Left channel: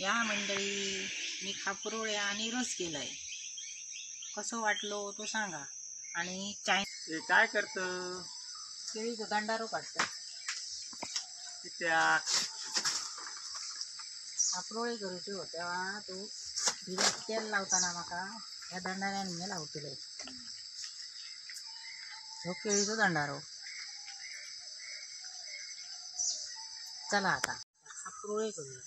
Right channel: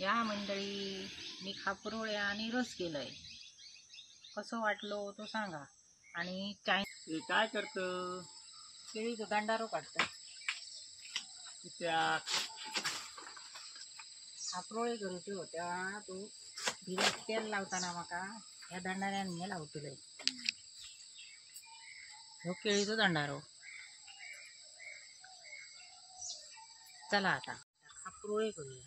या मंडळी, मी खापरोळ्या आणि रस केलंय. कसं वाटलो तो सांगा. आणि काय करतं केळीचं दांडारो काढतं. त्या खापरोळे करूचे होत्या तू भिजत तेल लावताना माका या दांडाऱ्याने लावतले. हो केळीचो दांडारो. चला आता खापरोळे करूया.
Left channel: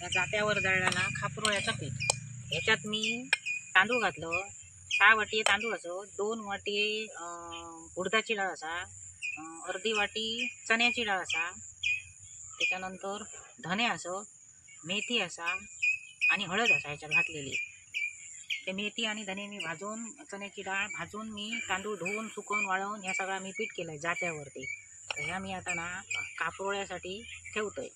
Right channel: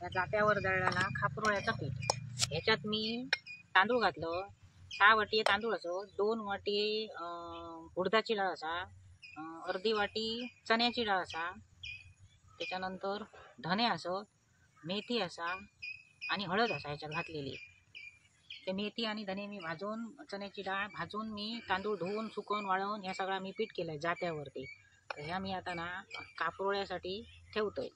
या जात्यावर दळलेला खापरोळ्याचं पीठ. ह्याच्यात मी तांदूळ घातलं. 6 वाटी तांदूळ असो, 2 वाटी उडदाची डाळ असा, अर्धी वाटी चण्याची डाळ असा, त्याच्यानंतर धने असो, मेथी असा आणि हळद असा ह्याच्यात घातलेली. ते मेथी आणि धने मी भाजून, चण्याची डाळ भाजून मी तांदूळ धुवून सुकवून वाळवून ह्या सगळा मी पीठ केलं आहे जात्यावरती. तर ह्या मी आता ना खापरोळ्यासाठी ठेवतोय.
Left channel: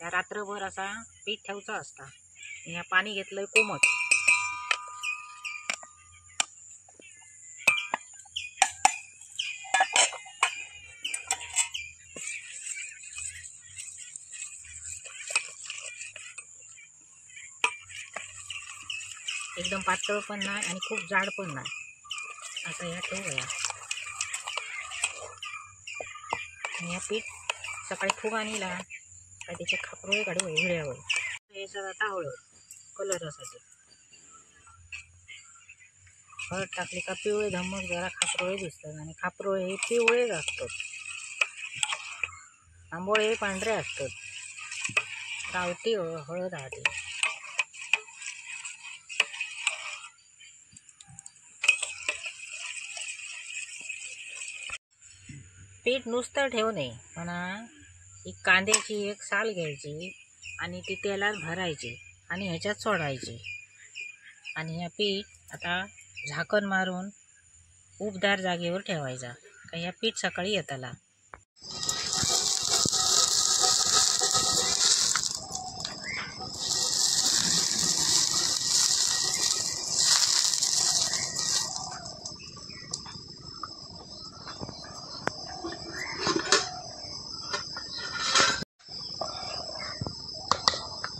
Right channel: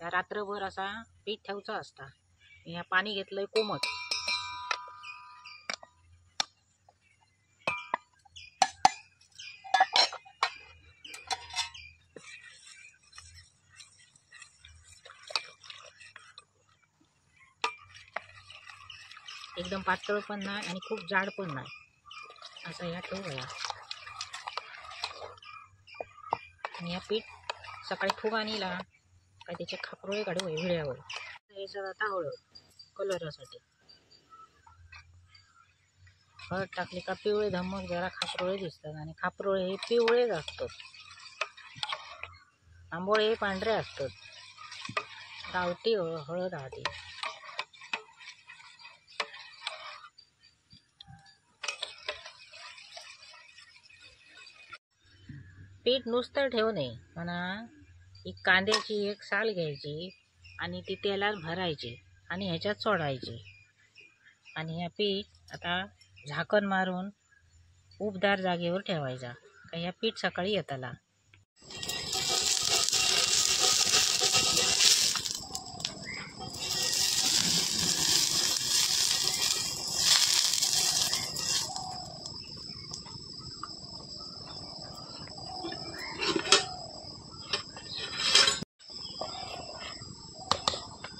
या रात्रभर असा पीठ ठेवचा असता. ह्या पाणी घेतलंय कोमट. एकदम पातळ पण नाही आणि खूप जाड पण नाही, असं ह्या ठेवूया. आणि या पीठ सकाळी फुगा नेला काय त्याचे खापरोळे काढू विळ्यावर. याच्यात आता हळद कलरासाठी हळद टाकली का पिवळे धमक जरा खापरोळे दिसतात. आणि खापरोळे हे पिवळेच असतात, आंबोळे हे पांढरे असतात. गावठी हळद आधी. पीठ नुसतं ठेवू नये म्हणा. ही कांद्याची एक साल घ्यायची आणि ती तेलात भरायची आणि ह्याच्यात सोडायची. आणि ह्या पीठ आता झाकण मारून उबदार जागेवर ठेवायचा का ह्या पीठ सकाळी येताला.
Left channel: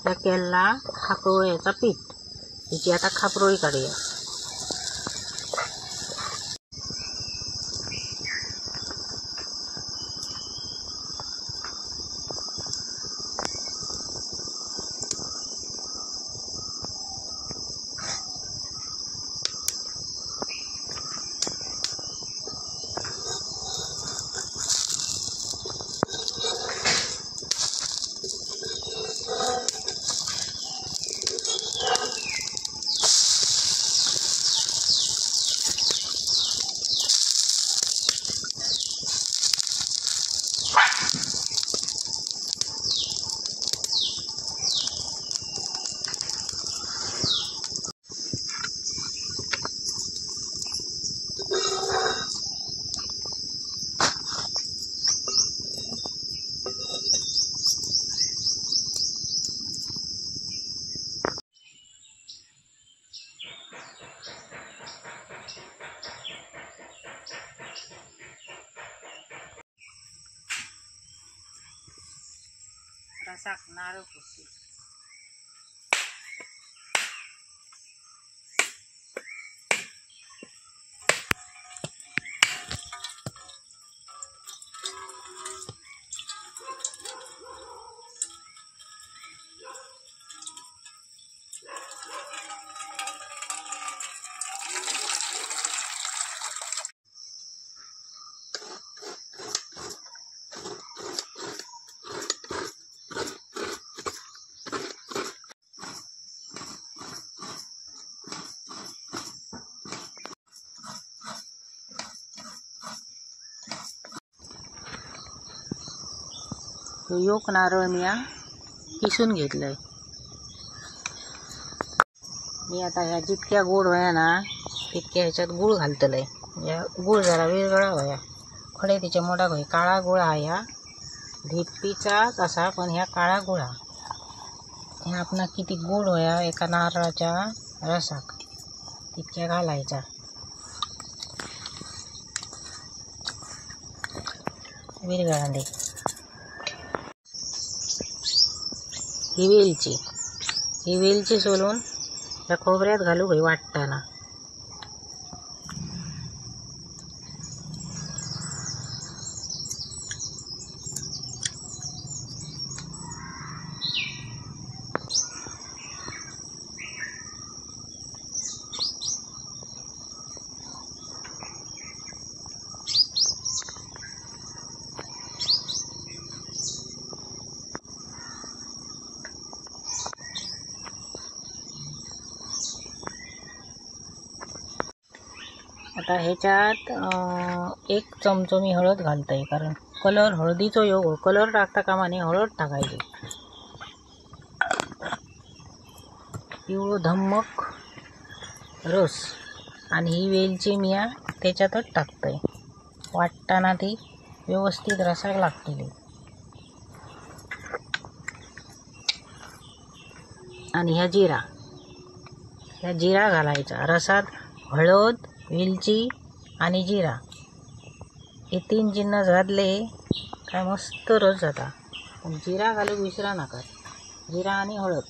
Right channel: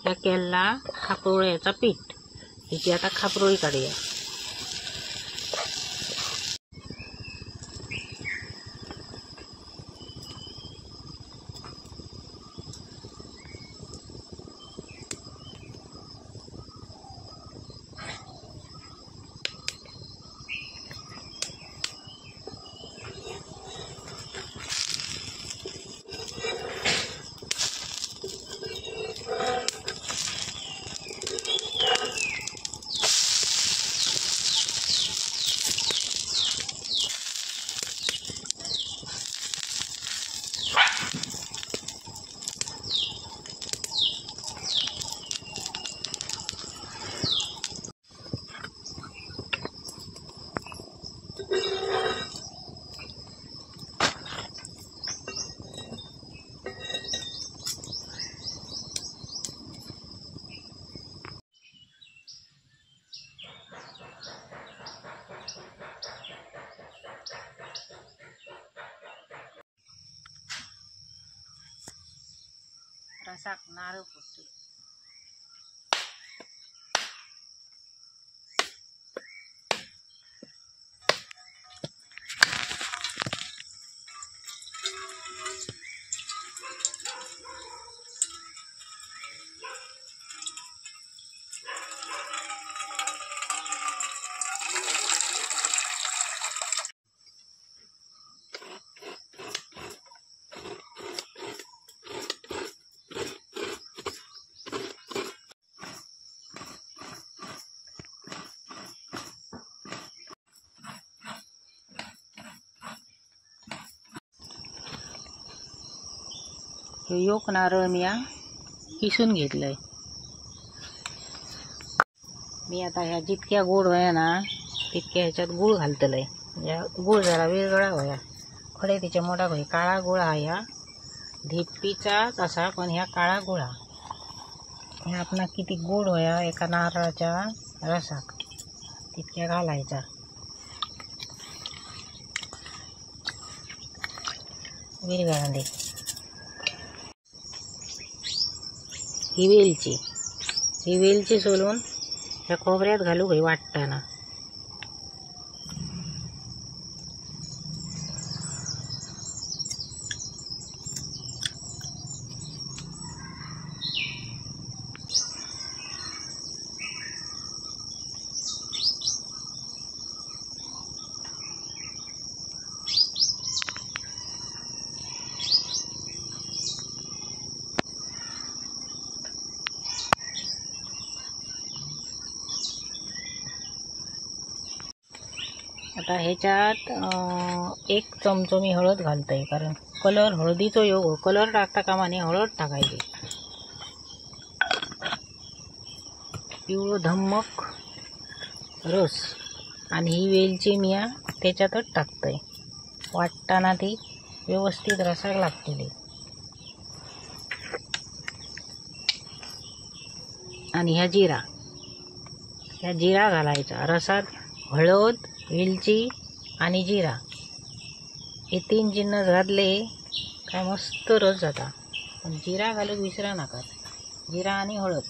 या केला खापरोळ्याचा पीठ. हिची आता खापरोळी काढूया. रसाक नारळ फुटते. हे योक नारळ मी किसून घेतलंय. मी आता ह्या जितक्या गोड व्हाया ना तितक्या ह्याच्यात गूळ घालतलंय. या गूळ जरा वेगळा व्हाया. खडे तिच्या मोठा होय. काळा गोळा ह्या ढेपीचाच असा, पण ह्या काळा गोळा ह्या आपणा किती गोड व्हाया एका नारळाच्या रसाक तितक्या घालायचा. विरघळांडे ही वेलची सोलून त्या खोबऱ्यात घालू होई वाटताना. आता ह्याच्यात 1 चमचो मी हळद घालतोय, कारण कलर हळदीचो योग कलर टाकता कामा नये, हळद टाकायची. पिवळं धम्मक रस आणि ही वेलची मी त्याच्यातच टाकतोय. वाटताना ती व्यवस्थित रसाक लागतली. आणि ह्या जिरा घालायचा रसात. हळद, वेलची आणि जिरा हे 3 जिन्नस घातले काय मस्त रस जाता. पण जिरा घालूक विसरा नका. जिरा आणि हळद.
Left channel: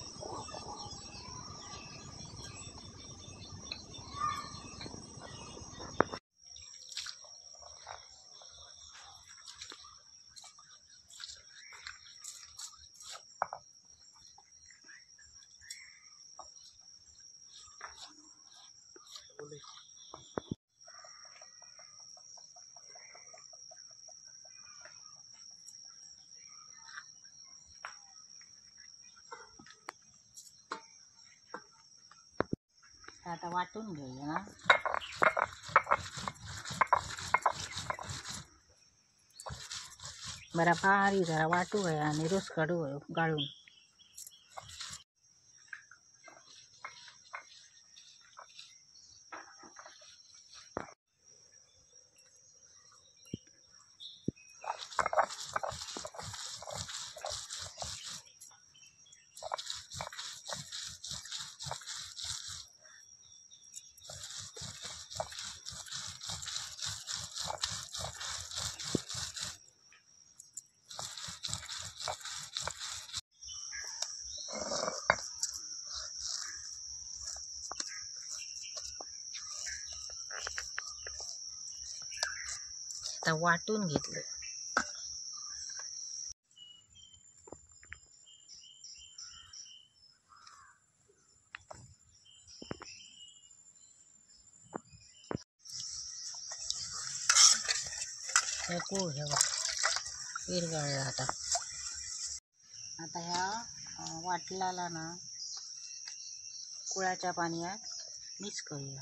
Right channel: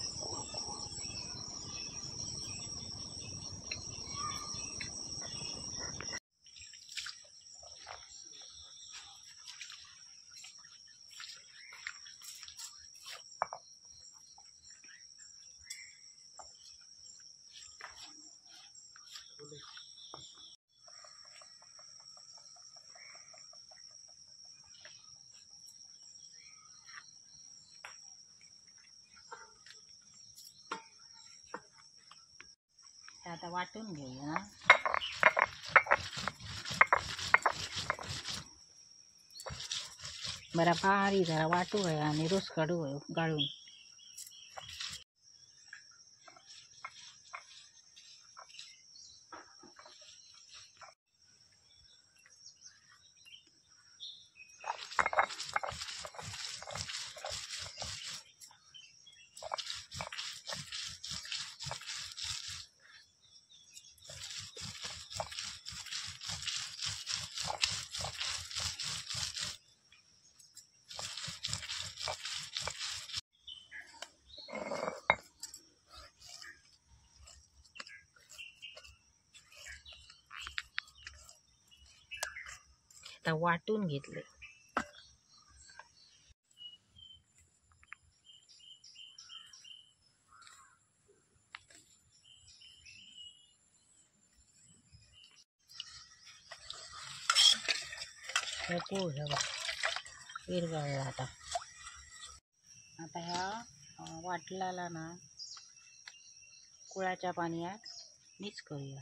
आता वाटून घेऊया. बरा भारी जरा वाटू आहे आणि रस काढू गाळून. आता वाटून घेतले. गूळ घ्यावा विरघळला. आता ह्या वाटलाला ना गुळाच्या पाण्यात मिक्स करूया.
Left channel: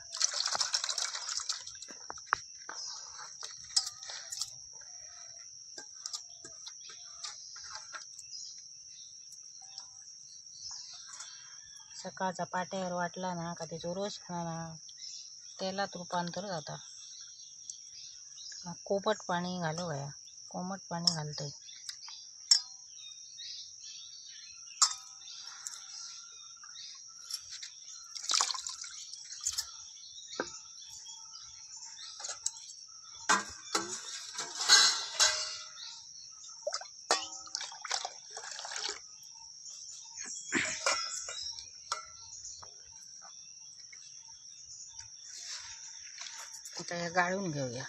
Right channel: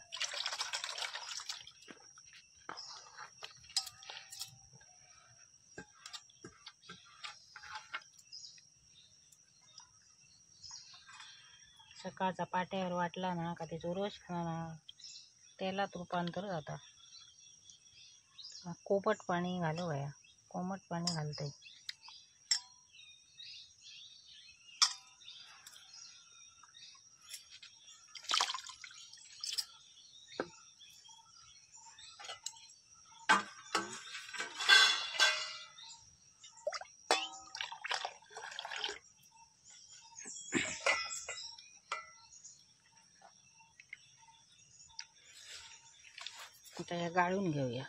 सकाळचा पाट्यावर वाटला ना का त्याचा रस ना तेलात रूपांतर जाता. कोमट पाणी घालू या. कोमट पाणी घालतोय. आता हे गाळून घेऊया.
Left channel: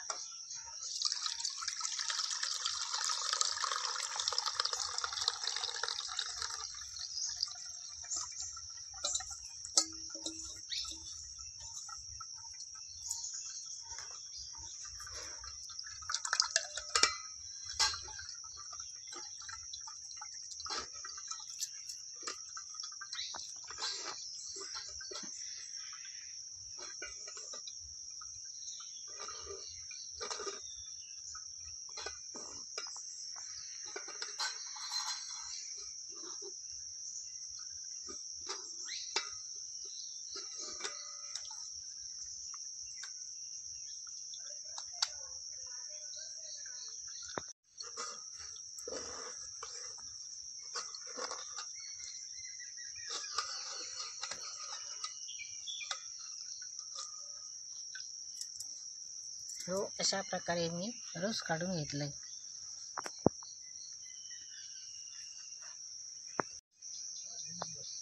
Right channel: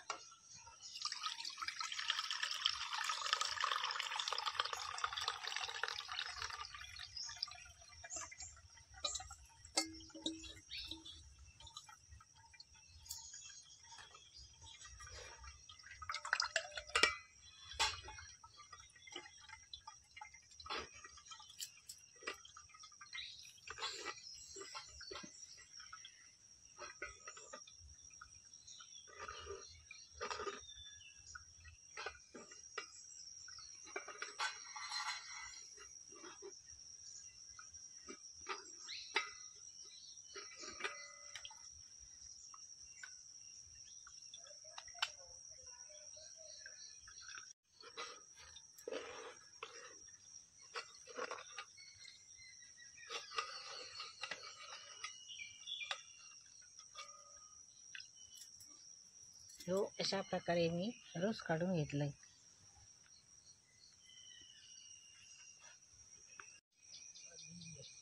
हो अशा प्रकारे मी रस काढून घेतलंय.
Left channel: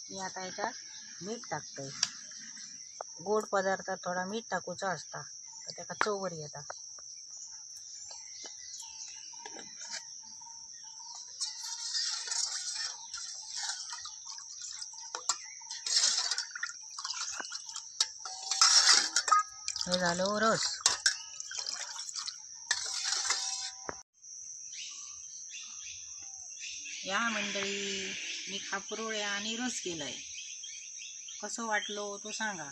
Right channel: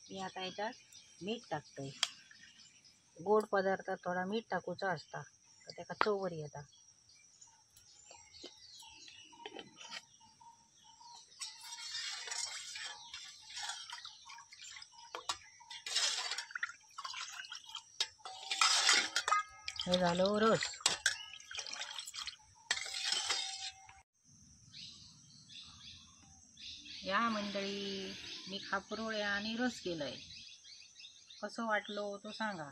मी आता याच्यात मीठ टाकतोय. गोड पदार्थात थोडा मीठ टाकूचा असता तर त्याका चव बरी येता. हे झालं रस. या मंडळी, मी खापरोळ्या आणि रस केलंय. कसं वाटलो तो सांगा.